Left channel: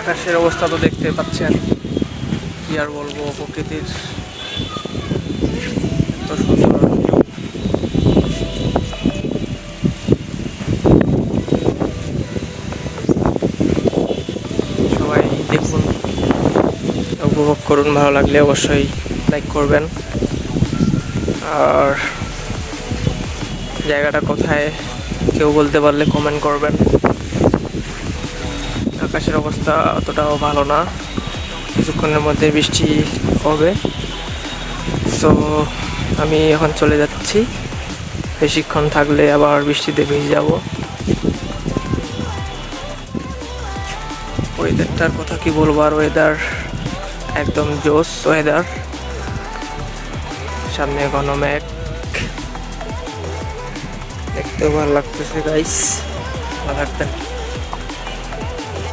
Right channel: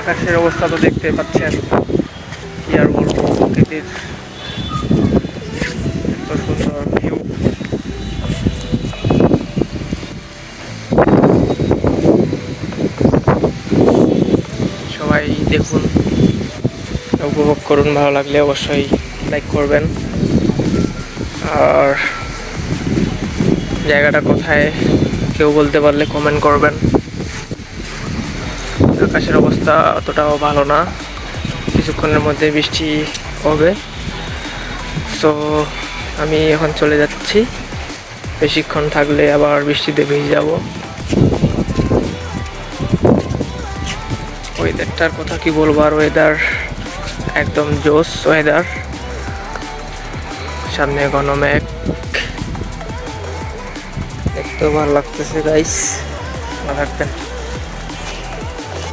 আকাশের অবস্থা তো দেখতে পাচ্ছেন, কি আর বলবো, প্রকৃতির এত সুন্দর ভিউ। সবাই দেখুন, উপভোগ করুন, ভালো লাগলে অবশ্যই লাইক করবেন। আর জায়গাটা কোথায় কেউ বলতে পারলে কমেন্ট করবেন। আকাশের অবস্থা অতটাও ভালো না, কিছুক্ষণের মধ্যে বৃষ্টি হবে। তো আমি এখন চলে যাচ্ছি, বেশিক্ষণ থাকলে আবার বৃষ্টিতে ভিজে যাব। ওয়েদারটার কথা কি বলবো, আর ওয়েদার একদম জোস ওয়েদার। সামনে ঘন মেঘ, দেখতেও ভালো লাগতেছে গাইস। ভালো থাকবেন।